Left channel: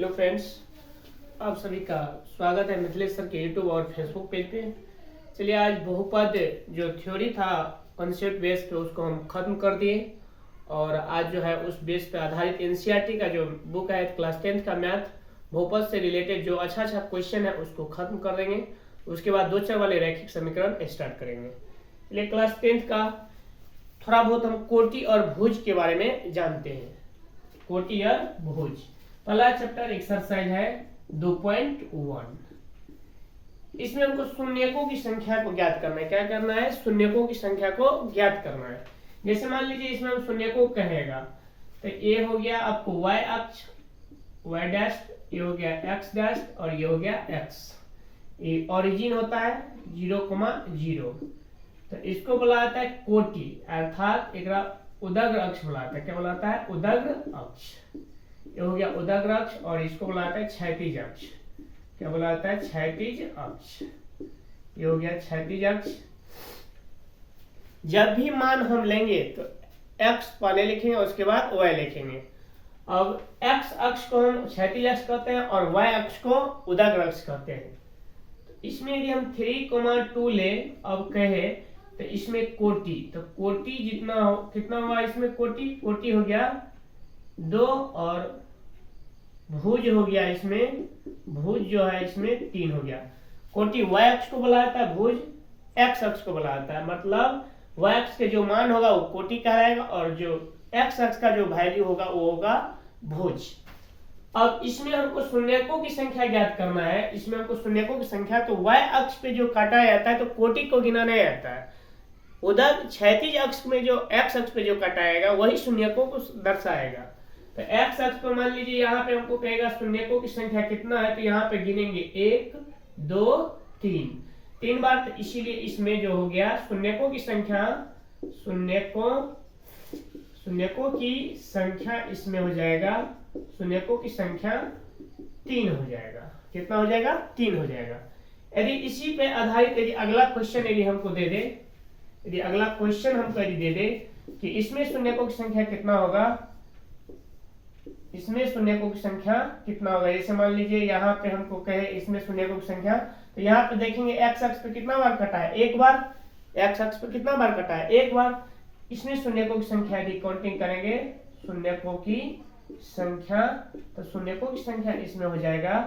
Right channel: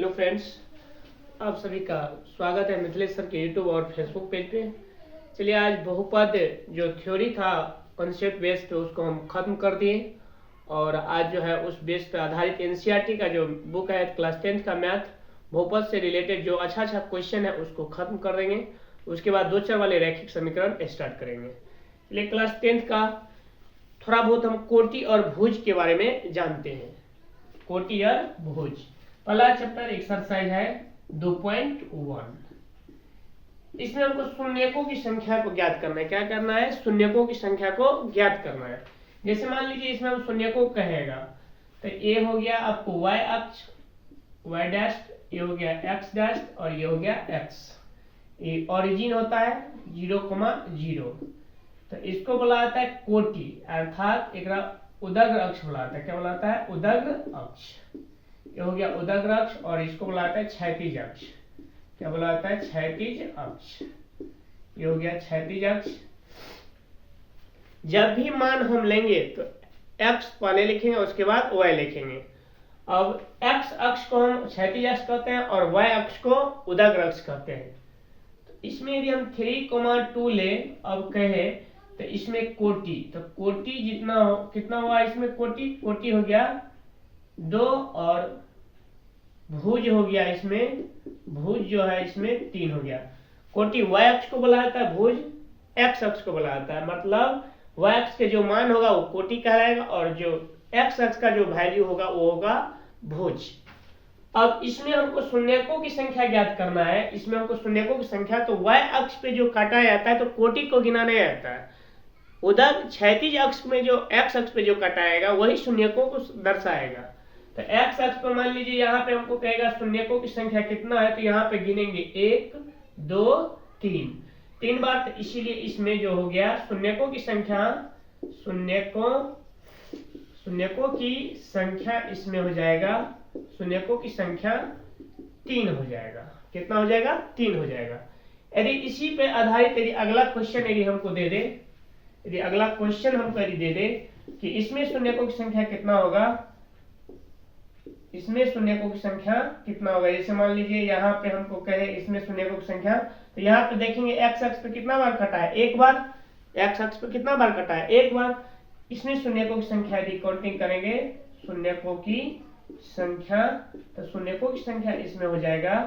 Hello friends, आप सभी का स्वागत है मिथिलेश सर के यूट्यूब और फेसबुक पेज पे। चलिए आज बहुपद जो थ्योरी था कॉन्सेप्ट बेस पे उसको हम खत्म कर दिए और आज जो है उस बेस पे आधारित एनसीईआरटी का जो बुक है क्लास 10th का मैथ बहुपद से रिलेटेड जो अच्छा क्वेश्चन है उसको खत्म कर देंगे। उसके बाद 2 चर वाले रैखिक समीकरण स्टार्ट करेंगे। चलिए क्लास 10th का थोड़ा बहुत हम कोटि और भुज के बारे में जानते हैं। कोटि और भुज पहला चैप्टर एक्सरसाइज है 2.1। इसमें हमको शून्यकों की संख्या को ज्ञात करना है। क्या करना है? शून्यकों की संख्या को ज्ञात करना है। जैसे मान लीजिए इसमें हम शून्यकों कहेगा तो ये हो गया आपको y अक्ष y डैश, ये हो गया x डैश और ये हो गया x। ये ओरिजिन होता है 0,0। तो इसको बोला जाता है कोटि, अर्थात एक उदग्र अक्ष बोला जाता है। क्या बोला जाता है? उदग्र अक्ष। ये हो गया उदग्र अक्ष और इसको बोला जाता है क्षैतिज अक्ष। क्या बोला जाता है? क्षैतिज अक्ष। ये हो गया क्षैतिज अक्ष। जब भी मान हम लेंगे तो x पहले लिखेंगे उसके बाद y लिखेंगे। अब x अक्ष को हम क्षैतिज अक्ष कहते हैं और y अक्ष को उदग्र अक्ष कहते हैं। तो इसमें यदि हम 3,2 ले अब कहे तो इसमें कोटि, तो कोटि जितना हो कितना हुआ इसमें कोटि हो गया 2 और भुज हो गया इसमें, भुज जो है इसमें 3 हो गया। कोटि y अक्ष को बोला जाता है, भुज x अक्ष को बोला जाता है। मतलब y अक्ष के जो मान होगा वो कोटि कहलाएगा और जो x अक्ष का जो वैल्यू होगा वो होगा भुज। अब इसमें हमको शून्यकों की संख्या ज्ञात करना है। इसमें हमको शून्यकों की संख्या तो y अक्ष पे जो काटा जाता है तो कोटि को गिना नहीं जाता है। उधर क्षैतिज अक्ष में जो x अक्ष पे जो काटाएगा वही शून्यकों को दर्शाएगा। तो x अक्ष पे मान लीजिए यहाँ पे हमको कहेगा शून्यकों की संख्या कितना है, तो यहाँ पे गिनेंगे 1 2 3 बार। तो इसीलिए इसमें जो हो गया शून्यकों की संख्या, शून्यकों की संख्या इसमें हो जाएगा, शून्यकों की संख्या 3 हो जाएगा। कितना हो जाएगा? 3 हो जाएगा। यदि इसी पे आधारित यदि अगला क्वेश्चन यदि हमको दे दे, यदि अगला क्वेश्चन हमको यदि दे दे कि इसमें शून्यकों की संख्या कितना होगा, इसमें शून्यकों की संख्या कितना होगा। जैसे मान लीजिए यहाँ पे हमको कहे इसमें शून्यकों की संख्या, तो यहाँ पे देखेंगे x अक्ष पे कितना बार कटा है? 1 बार। x अक्ष पे कितना बार कटा है? 1 बार। इसमें शून्यकों की संख्या यदि काउंटिंग करेंगे शून्यकों की संख्या, तो शून्यकों की संख्या इसमें हो जाएगा,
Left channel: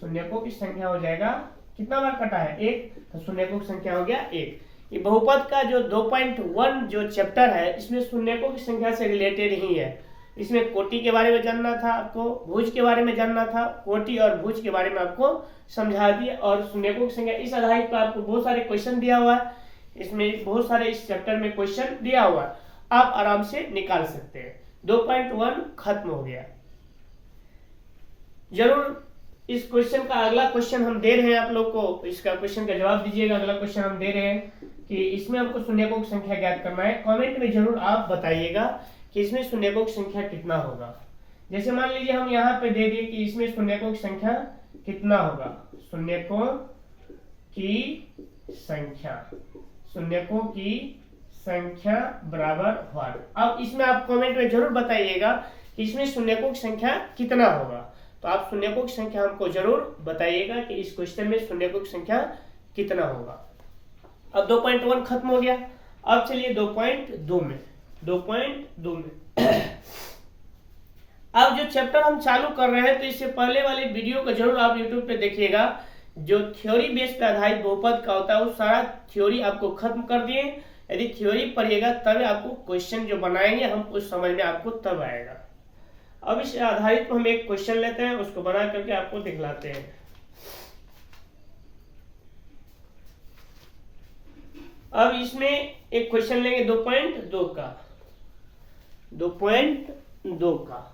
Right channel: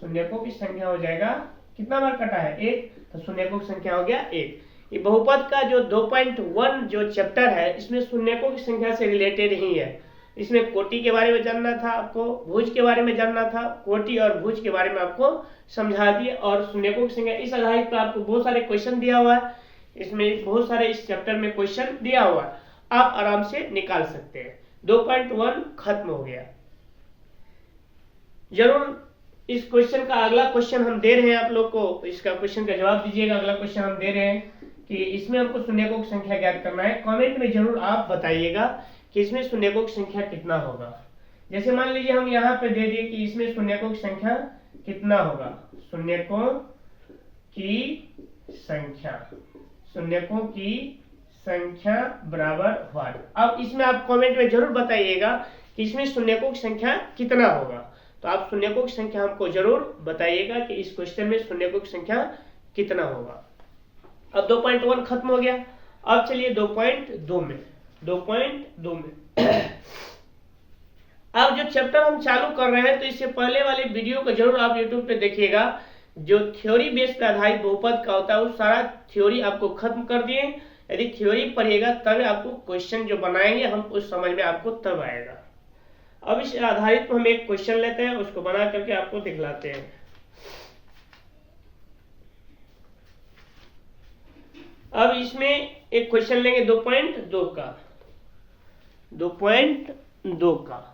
शून्यकों की संख्या हो जाएगा कितना बार कटा है? 1। तो शून्यकों की संख्या हो गया 1। ये बहुपद का जो 2.1 जो चैप्टर है इसमें शून्यकों की संख्या से रिलेटेड ही है। इसमें कोटि के बारे में जानना था आपको, भुज के बारे में जानना था, कोटि और भुज के बारे में आपको समझा दिए और शून्यकों की संख्या इस आधारित पर आपको बहुत सारे क्वेश्चन दिया हुआ है। इसमें बहुत सारे इस चैप्टर में क्वेश्चन दिया हुआ है, आप आराम से निकाल सकते हैं। 2.1 खत्म हो गया। जरूर इस क्वेश्चन का अगला क्वेश्चन हम दे रहे हैं आप लोग को, इसका क्वेश्चन का जवाब दीजिएगा। अगला क्वेश्चन हम दे रहे हैं कि इसमें हमको शून्यकों की संख्या ज्ञात करना है। कमेंट में जरूर आप बताइएगा कि इसमें शून्यकों की संख्या कितना होगा। जैसे मान लीजिए हम यहाँ पे दे दिए कि इसमें शून्यकों की संख्या कितना होगा, शून्यकों की संख्या, शून्यकों की संख्या बराबर व्हाट। अब इसमें आप कमेंट में जरूर बताइएगा कि इसमें शून्यकों की संख्या कितना होगा। तो आप शून्यकों की संख्या हमको जरूर बताइएगा कि इस क्वेश्चन में शून्यकों की संख्या कितना होगा। अब 2.1 खत्म हो गया। अब चलिए 2.2 में, 2.2 में अब जो चैप्टर हम चालू कर रहे हैं तो इससे पहले वाले वीडियो को जरूर आप YouTube पे देखिएगा। जो थ्योरी बेस्ड आधारित बहुपद का होता है वो सारा थ्योरी आपको खत्म कर दिए। यदि थ्योरी पढ़िएगा तब आपको क्वेश्चन जो बनाएंगे हम उस समझ में आपको तब आएगा। अब इस आधारित पर हम एक क्वेश्चन लेते हैं, उसको बना करके आपको दिखलाते हैं। अब इसमें एक क्वेश्चन लेंगे 2.2 का, 2.2 का।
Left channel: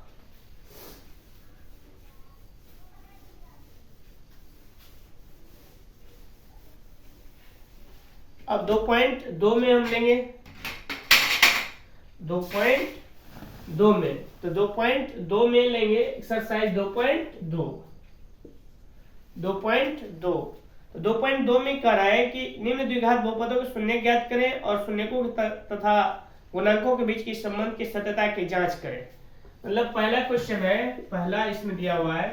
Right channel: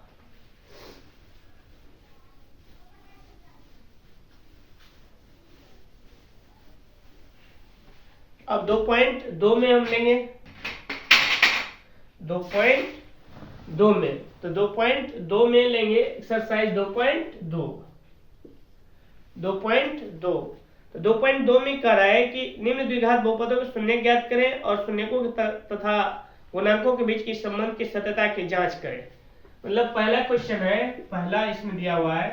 अब 2.2 में हम लेंगे, 2.2 में, तो 2.2 में लेंगे एक्सरसाइज 2.2। 2.2 तो 2.2 में कह रहा है कि निम्न द्विघात बहुपदों को शून्य ज्ञात करें और शून्यकों तथा गुणांकों के बीच की संबंध की सत्यता की जांच करें। मतलब पहला क्वेश्चन है, पहला इसमें दिया हुआ है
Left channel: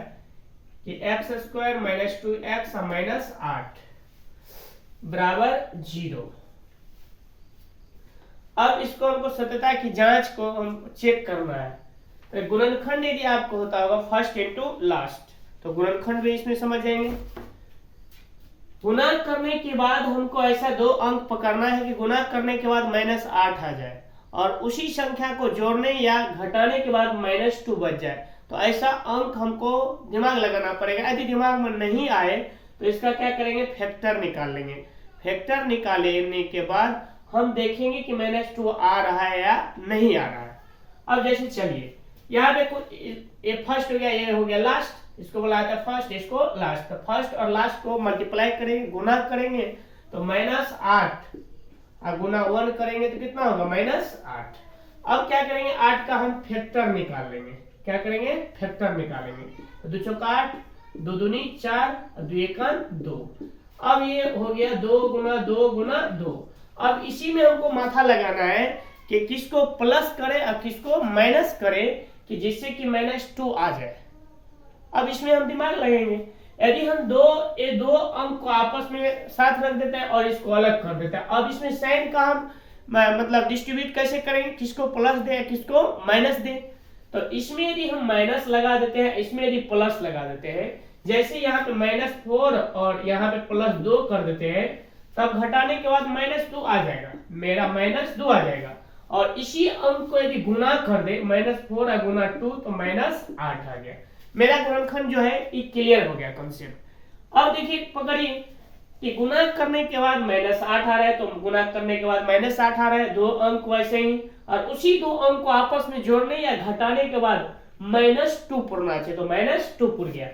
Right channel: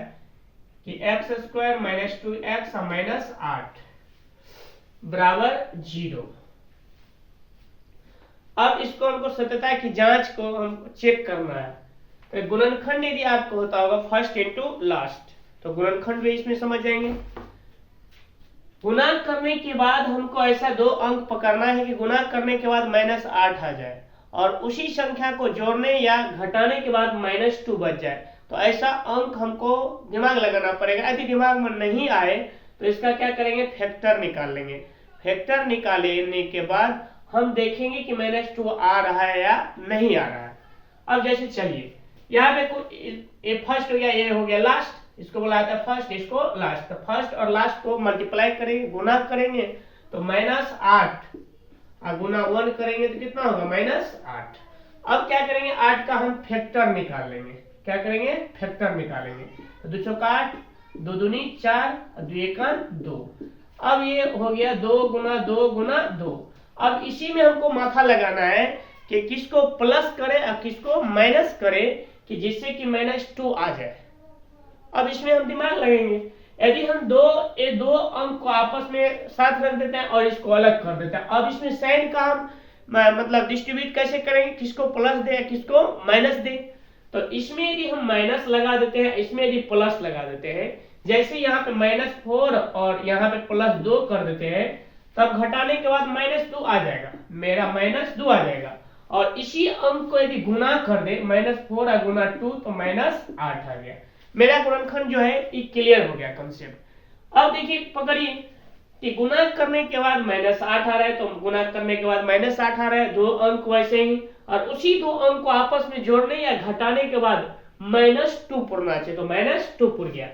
कि x square minus 2x minus 8 बराबर 0। अब इसको हमको सत्यता की जांच को हम चेक करना है। तो गुणनखंड यदि आपको होता होगा फर्स्ट इनटू लास्ट, तो गुणनखंड भी इसमें समझ जाएंगे। गुणा करने के बाद हमको ऐसा दो अंक पकड़ना है कि गुणा करने के बाद -8 आ जाए और उसी संख्या को जोड़ने या घटाने के बाद -2 बच जाए। तो ऐसा अंक हमको दिमाग लगाना पड़ेगा। यदि दिमाग में नहीं आए तो इसका क्या करेंगे, फैक्टर निकाल लेंगे। फैक्टर निकालने के बाद हम देखेंगे कि -2 आ रहा है या नहीं आ रहा है। अब जैसे चलिए यहाँ पे ये फर्स्ट हो गया, ये हो गया लास्ट, इसको बोला जाता है फर्स्ट, इसको लास्ट। तो फर्स्ट और लास्ट को मल्टीप्लाई करेंगे, गुना करेंगे तो -8 और गुना 1 करेंगे तो कितना होगा, -8। अब क्या करेंगे, 8 का हम फैक्टर निकाल लेंगे। क्या करेंगे, फैक्टर निकालेंगे। तो 2 चौका 8, 2 दूनी 4 और 2 एका 2। अब ये हो गया 2 गुना 2 गुना 2। अब इसी में हमको माथा लगाना है कि किसको प्लस करे और किसको माइनस करे, कि जिससे कि -2 आ जाए। अब इसमें हम दिमाग लगेंगे। यदि हम ये दो अंक को आपस में साथ रख देते हैं और इसको अलग कर देते हैं, अब इसमें साइन का हम मतलब डिस्ट्रीब्यूट कैसे करेंगे, किसको प्लस दे किसको माइनस दे। तो इसमें यदि हम माइनस लगा देते हैं, इसमें यदि प्लस लगा देते हैं, जैसे यहाँ पे -4 और यहाँ पे +2 कर देते हैं, तब घटाने के बाद -2 आ जाएगा, मेरा -2 आ जाएगा। और इसी अंक को यदि गुना कर दे, -4 और गुना 2 तो -8 आ गया। मेरा गुणनखंड जो है ये क्लियर हो गया कंसेप्ट। अब देखिए पकड़िए कि गुना करने के बाद -8 आ रहा है, तो गुना करने के बाद -8 आ रहा है, दो अंक वैसे ही, और उसी दो अंक को आपस में जोड़ने या घटाने के बाद -2 पुरना चाहिए, तो -2 पुर गया।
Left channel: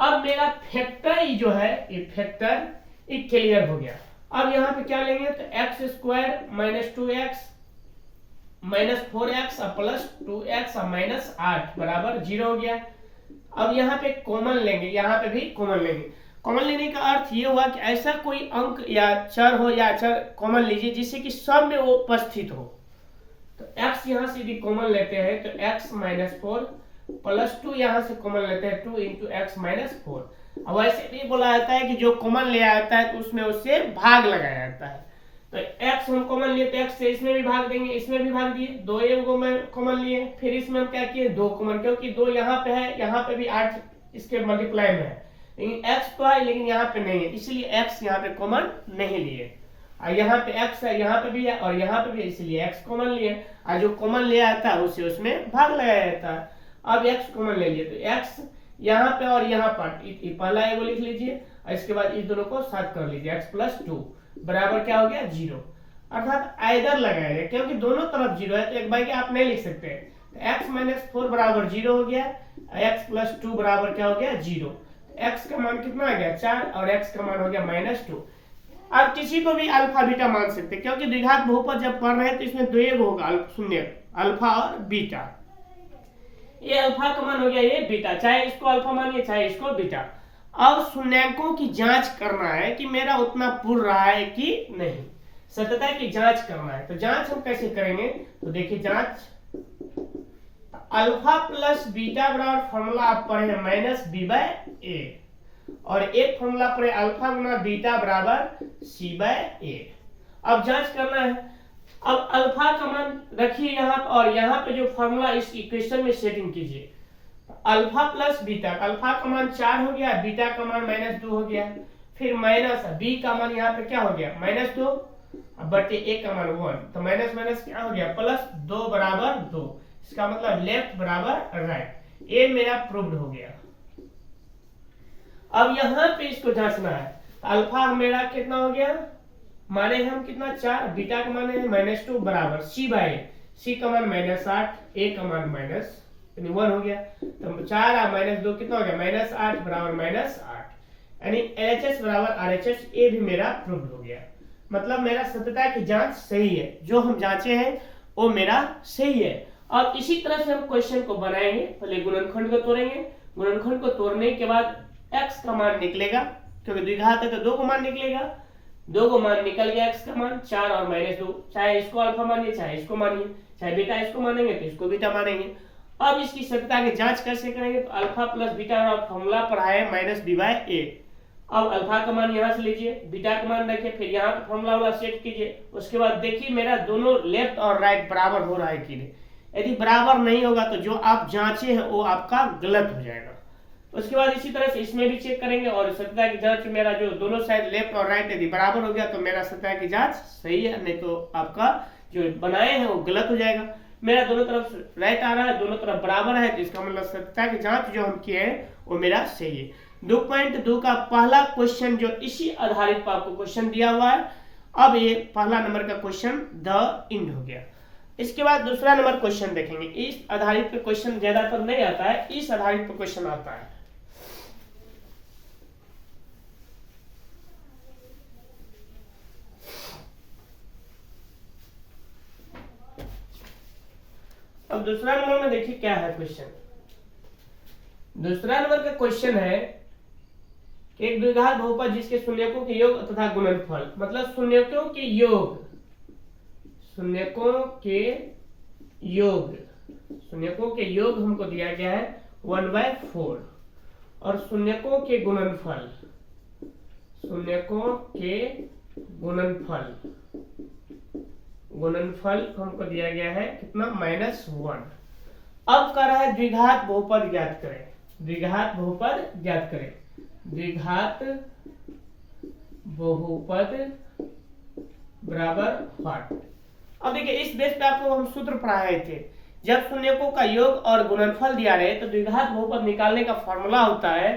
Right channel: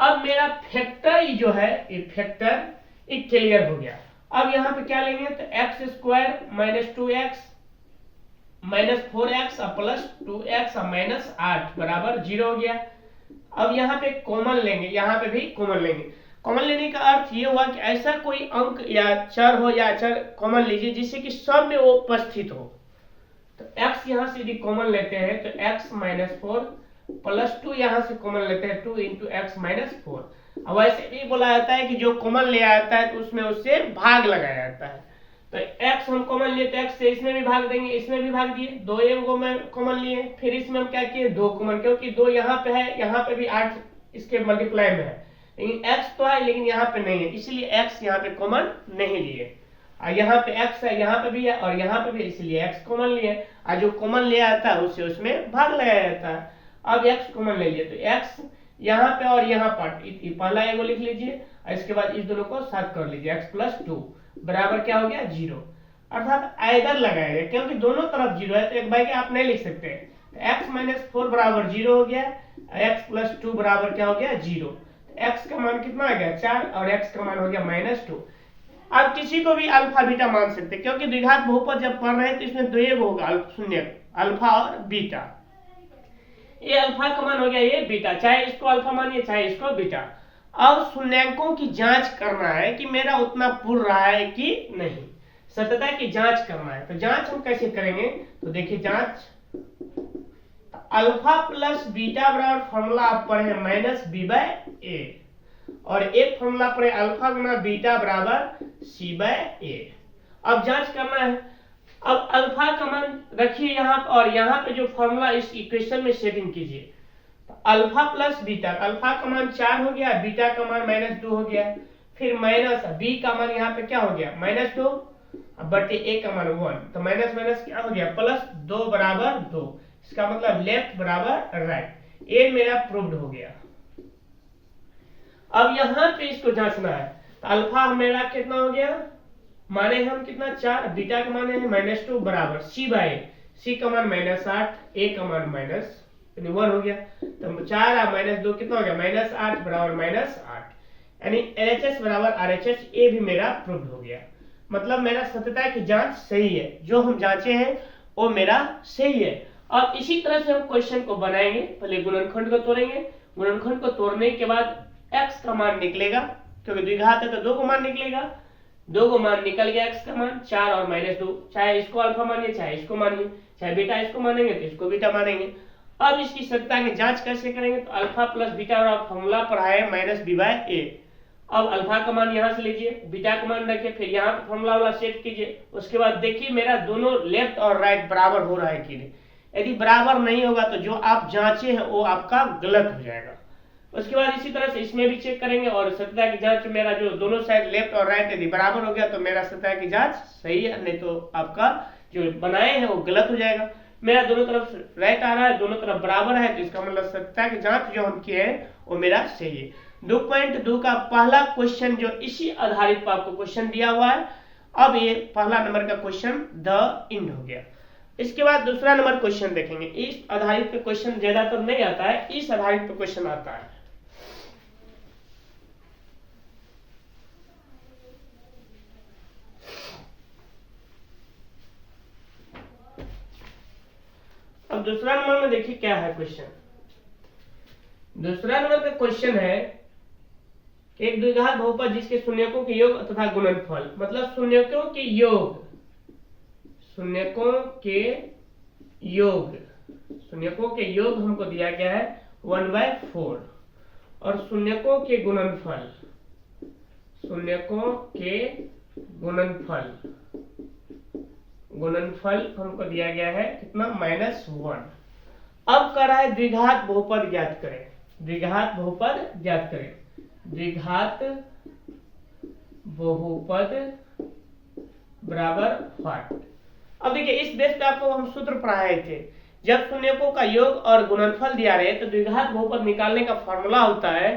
अब मेरा फैक्टर जो है, ये फैक्टर ये क्लियर हो गया। अब यहाँ पे क्या लेंगे, तो x square -2x -4x plus 2x -8 बराबर 0 हो गया। अब यहाँ पे कॉमन लेंगे, यहाँ पे भी कॉमन लेंगे। कॉमन लेने का अर्थ ये हुआ कि ऐसा कोई अंक या चर हो या चर कॉमन लीजिए जिससे कि सब में वो उपस्थित हो। तो x यहाँ से यदि कॉमन लेते हैं तो x -4 प्लस 2 यहाँ से कॉमन लेते हैं 2 × x -4। अब ऐसे भी बोला जाता है कि जो कॉमन ले आता है तो उसमें उससे भाग लगाया जाता है। तो x हम कॉमन लिए तो x से इसमें भी भाग देंगे, इसमें भी भाग दिए, 2 को मैं कॉमन लिए, फिर इसमें हम क्या किए 2 कॉमन, क्योंकि 2 यहाँ पे है, यहाँ पे भी 8 इसके मल्टीप्लाई में है, लेकिन x तो है लेकिन यहाँ पे नहीं है, इसलिए x यहाँ पे कॉमन नहीं लिए। और यहाँ पे x है, यहाँ पे भी है और यहाँ पे भी, इसलिए x कॉमन लिए। और जो कॉमन ले आता है उससे उसमें भाग लगाया जाता है। अब x कॉमन ले लिए तो x यहाँ पे और यहाँ पर पहला एगो लिख लीजिए और इसके बाद इस दोनों को साथ कर लीजिए, x + 2 बराबर क्या हो गया 0। अर्थात आइदर लगाएंगे, क्योंकि दोनों तरफ 0 है तो एक बार आप नहीं लिख सकते। तो x -4 बराबर 0 हो गया, x + 2 बराबर क्या हो गया 0। x का मान कितना आ गया 4 और x का मान हो गया -2। आप किसी को भी अल्फा बीटा मान सकते हैं, क्योंकि द्विघात बहुपद जब पढ़ रहे हैं तो इसमें दो एक होगा शून्य, अल्फा और बीटा। ये अल्फा का मान हो गया ये बीटा, चाहे इसको अल्फा मानिए चाहे इसको बीटा। अब शून्यांकों की जांच करना है कि मेरा उतना पुर रहा है कि नहीं, सत्यता की जांच करना है। तो जांच हम कैसे करेंगे, तो देखिए जांच, अल्फा प्लस बीटा बराबर फॉर्मूला आप पढ़े -b/a और एक फॉर्मूला पढ़े अल्फा गुना बीटा बराबर c/a। अब जांच करना है। अब अल्फा का मान रखिए यहाँ और यहाँ पे जो फॉर्मूला इस इक्वेशन में सेटिंग कीजिए। अल्फा प्लस बीटा, अल्फा का मान 4 हो गया, बीटा का मान -2 हो गया, फिर माइनस बी का मान यहाँ पे क्या हो गया -2 बटे ए का मान 1, तो माइनस माइनस क्या हो गया +2 बराबर 2। इसका मतलब लेफ्ट बराबर राइट, ये मेरा प्रूव्ड हो गया। अब यहाँ पे इसको जांचना है। तो अल्फा मेरा कितना हो गया, माने हम कितना 4, बीटा का मान है -2 बराबर c/a, c का मान -8, a का मान -1 हो गया। तो 4 और -2 कितना हो गया -8 बराबर -8, यानी LHS बराबर RHS, ये भी मेरा प्रूव्ड हो गया। मतलब मेरा सत्यता की जांच सही है, जो हम जांचे हैं वो मेरा सही है। और इसी तरह से हम क्वेश्चन को बनाएंगे। पहले गुणनखंड को तोड़ेंगे, गुणनखंड को तोड़ने के बाद x का मान निकलेगा, क्योंकि द्विघात है तो 2 को मान निकलेगा, 2 को मान निकल गया, x का मान 4 और -2, चाहे इसको अल्फा मानिए चाहे इसको मानिए, चाहे बीटा इसको मानेंगे तो इसको बीटा मानेंगे। अब इसकी सत्यता की जांच कैसे करेंगे, तो अल्फा प्लस बीटा का फॉर्मूला पर है माइनस बी बाय ए। अब अल्फा का मान यहाँ से लीजिए, बीटा का मान रखिए, फिर यहाँ पे फॉर्मूला वाला सेट कीजिए। उसके बाद देखिए मेरा दोनों लेफ्ट और राइट बराबर हो रहा है कि नहीं। यदि बराबर नहीं होगा तो जो आप जांचे हैं वो आपका गलत हो जाएगा। उसके बाद इसी तरह से इसमें भी चेक करेंगे और सत्यता की जांच मेरा जो दोनों साइड लेफ्ट और राइट यदि बराबर हो गया तो मेरा सत्यता की जांच सही है, नहीं तो आपका जो बनाए हैं वो गलत हो जाएगा। मेरा दोनों तरफ राइट आ रहा है, दोनों तरफ बराबर है, तो इसका मतलब सत्यता की जांच जो हम किए हैं वो मेरा सही है। 2.2 का पहला क्वेश्चन जो इसी आधारित पर आपको क्वेश्चन दिया हुआ है। अब ये पहला नंबर का क्वेश्चन द इंड हो गया। इसके बाद दूसरा नंबर क्वेश्चन देखेंगे। इस आधारित पे क्वेश्चन ज्यादातर नहीं आता है, इस आधारित पे क्वेश्चन आता है। अब दूसरा नंबर में देखिए क्या है क्वेश्चन। दूसरा नंबर का क्वेश्चन है एक द्विघात बहुपद जिसके शून्यकों के योग तथा गुणनफल, मतलब शून्यकों के योग, शून्यकों के योग, शून्यकों के योग हमको दिया गया है 1/4 और शून्यकों के गुणनफल, शून्यकों के गुणनफल, गुणनफल हमको दिया गया है कितना, -1। अब कह रहा है द्विघात बहुपद ज्ञात करें, द्विघात बहुपद ज्ञात करें, द्विघात बहुपद बराबर व्हाट। अब देखिए इस देश पे आपको हम सूत्र पढ़ाए थे, जब शून्यकों का योग और गुणनफल दिया रहे तो द्विघात बहुपद निकालने का फॉर्मूला होता है,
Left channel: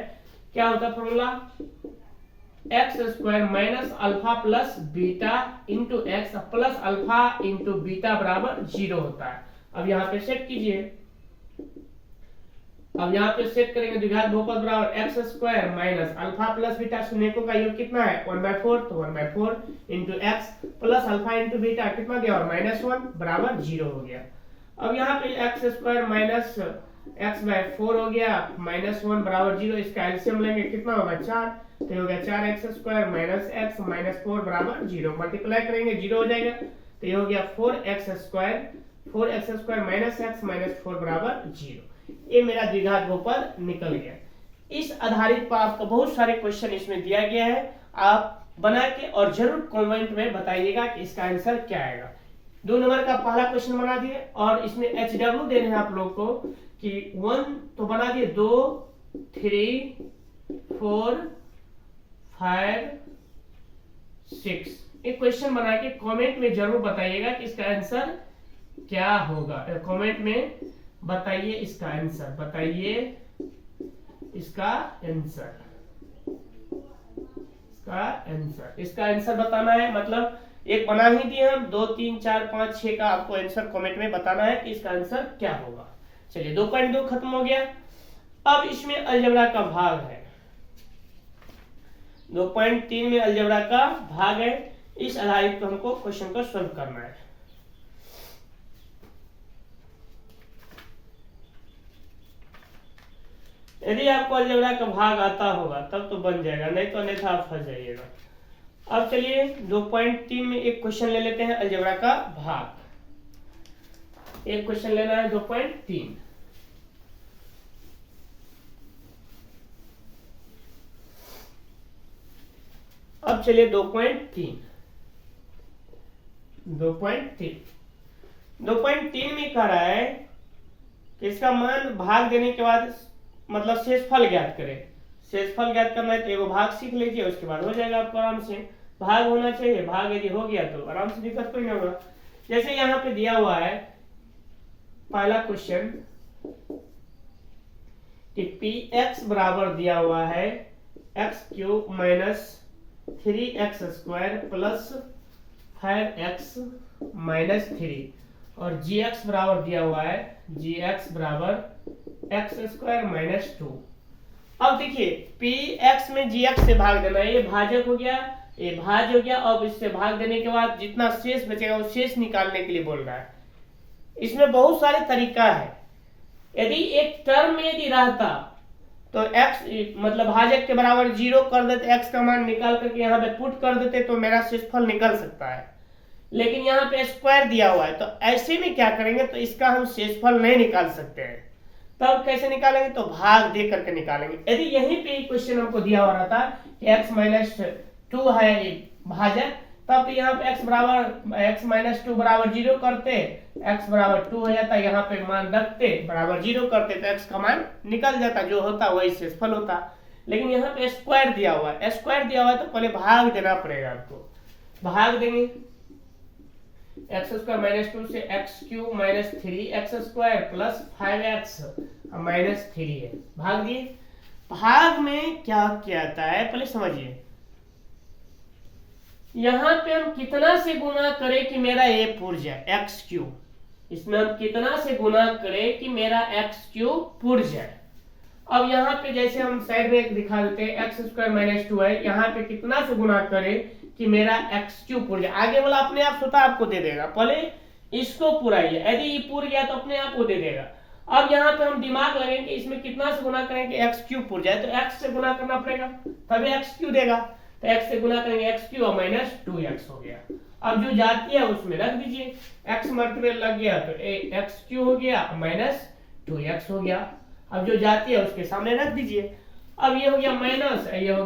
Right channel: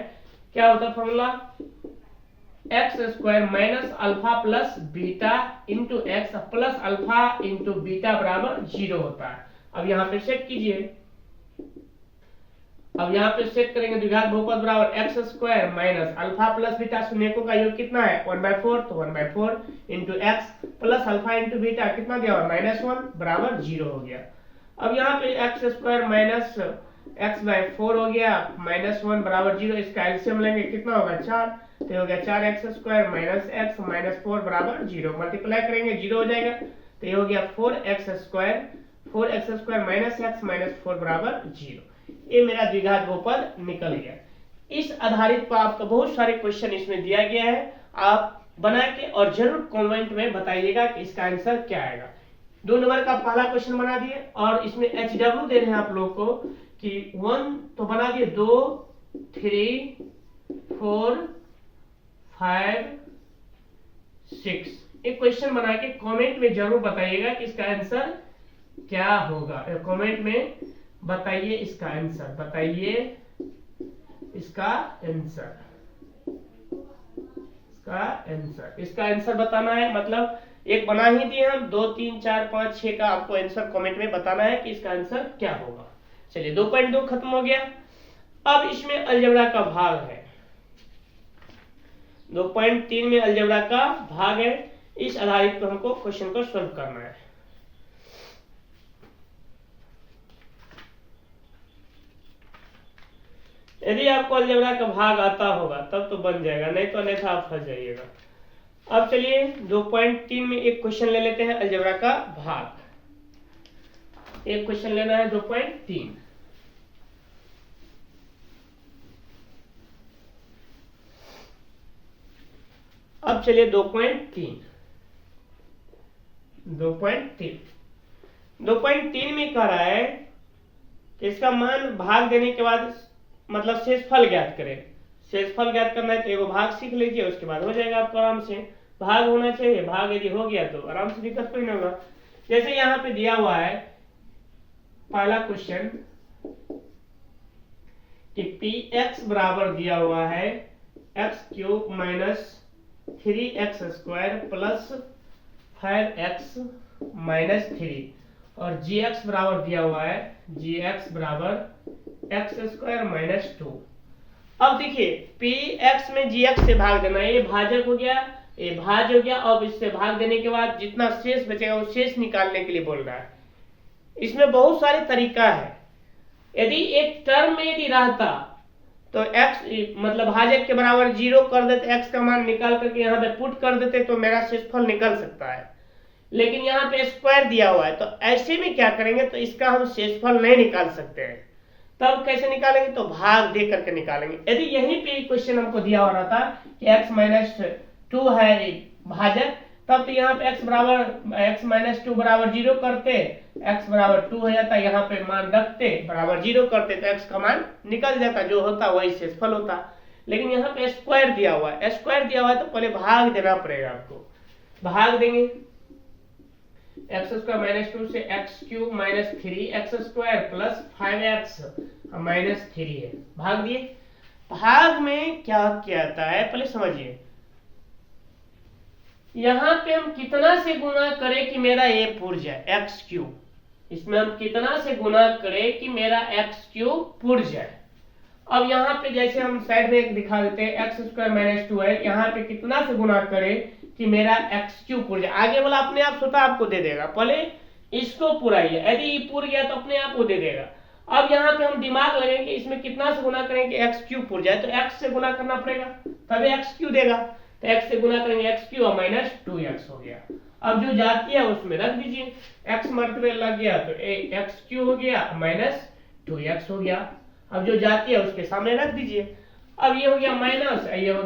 क्या होता है formula, x² minus alpha plus beta into x plus alpha into beta बराबर 0 होता है। अब यहाँ पे सेट कीजिए, अब यहाँ पे सेट करेंगे द्विघात बहुपद बराबर x² minus alpha plus beta, शून्यकों का योग कितना है 1/4, तो 1/4 into x plus alpha into beta कितना दिया हुआ -1 बराबर 0 हो गया। अब यहाँ पे x² माइनस x/4 हो गया -1 बराबर 0, इसका एलसीएम लेंगे कितना होगा 4, तो हो गया 4x² माइनस x माइनस 4 बराबर 0, मल्टीप्लाई करेंगे 0 हो जाएगा, तो ये हो गया 4x² माइनस x माइनस 4 बराबर 0। ये मेरा द्विघात बहुपद निकल गया। इस आधारित पर आपका बहुत सारे क्वेश्चन इसमें दिया गया है, आप बना के और जरूर कमेंट में बताइएगा कि इसका आंसर क्या आएगा। 2 नंबर का पहला क्वेश्चन बना दिए और इसमें HW दे रहे हैं आप लोग को कि 1 तो बना दिए, 2 3 4 5 6। एक क्वेश्चन बना के कमेंट में जरूर बताइएगा कि इसका आंसर क्या होगा। कमेंट में बताइए इसका आंसर, बताइए इसका आंसर, इसका आंसर बताना है। मतलब एक बना ही दिए हम, 2 3 4 5 6 का आपको आंसर कमेंट में बताना है कि इसका आंसर क्या होगा। चलिए 2.2 खत्म हो गया। अब इसमें अलजेब्रा का भाग है, 2.3 में अलजेब्रा का भाग है। इस आधारित पर हमको क्वेश्चन को सॉल्व करना है। यदि आपको अलजेब्रा का भाग आता होगा तब तो बन जाएगा, नहीं तो अन्यथा आप फंस जाइएगा। अब चलिए 2.3 में एक क्वेश्चन ले लेते हैं अलजेब्रा का भाग। एक क्वेश्चन लेना है 2.3। अब चलिए 2.3 में कह रहा है कि इसका मान भाग देने के बाद मतलब शेषफल ज्ञात करें। शेषफल ज्ञात करना है तो एगो भाग सीख लीजिए, उसके बाद हो जाएगा आपको आराम से। भाग होना चाहिए, भाग यदि हो गया तो आराम से दिक्कत कोई नहीं होगा। जैसे यहाँ पे दिया हुआ है पहला क्वेश्चन कि px बराबर दिया हुआ है x³ minus 3x² plus 5x minus 3 और gx बराबर दिया हुआ है gx बराबर x² माइनस 2। अब देखिए px में gx से भाग देना है, ये भाजक हो गया, ये भाज हो गया। अब इससे भाग देने के बाद जितना शेष बचेगा वो शेष निकालने के लिए बोल रहा है। इसमें बहुत सारे तरीका है। यदि एक टर्म में यदि रहता तो x मतलब भाजक के बराबर 0 कर देते, x का मान निकाल करके यहाँ पे पुट कर देते तो मेरा शेषफल निकल सकता है। लेकिन यहाँ पे स्क्वायर दिया हुआ है तो ऐसे में क्या करेंगे, तो इसका हम शेषफल नहीं निकाल सकते हैं। तब कैसे निकालेंगे, तो भाग दे करके निकालेंगे। यदि यहीं पे क्वेश्चन हमको दिया हो रहा था कि x माइनस 2 है भाजक, तब तो यहाँ पे x माइनस 2 बराबर 0 करते, x बराबर 2 हो जाता, यहाँ पे मान रखते बराबर 0 करते तो x का मान निकल जाता, जो होता वही शेषफल होता। लेकिन यहाँ पे स्क्वायर दिया हुआ है, स्क्वायर दिया हुआ है तो पहले भाग देना पड़ेगा आपको। भाग देंगे एक्स स्क्वायर माइनस 2 से x cube minus 3x square plus 5x minus 3 है। भाग दिए। भाग में क्या क्या आता है पहले समझिए। यहां पे हम कितना से गुना करें कि मेरा ये पूर जाए, एक्स क्यूब। इसमें हम कितना से गुना करें कि मेरा एक्स क्यूब पूर जाए। अब यहाँ पे जैसे हम साइड में दिखा देते हैं, एक्स स्क्वायर माइनस 2 है, यहाँ पे कितना से गुना करें कि मेरा एक्स क्यूब पूर जाए। आगे वाला अपने आप स्वतः आपको दे देगा, पहले इसको पुराइए, यदि ये पूर गया तो अपने आप वो दे देगा। अब यहाँ पे हम दिमाग लगाएंगे कि इसमें कितना से गुना करेंगे एक्स क्यूब पूर जाए, तो एक्स से गुना करना पड़ेगा तभी एक्स क्यूब देगा। तो एक्स से गुना करेंगे एक्स क्यूब और माइनस 2x हो गया। अब जो जाती है उसमें रख दीजिए, एक्स मर्तबे लग गया तो एक्स क्यूब हो गया माइनस 2x हो गया। अब जो जाती है उसके सामने रख दीजिए। अब ये हो गया माइनस, ये हो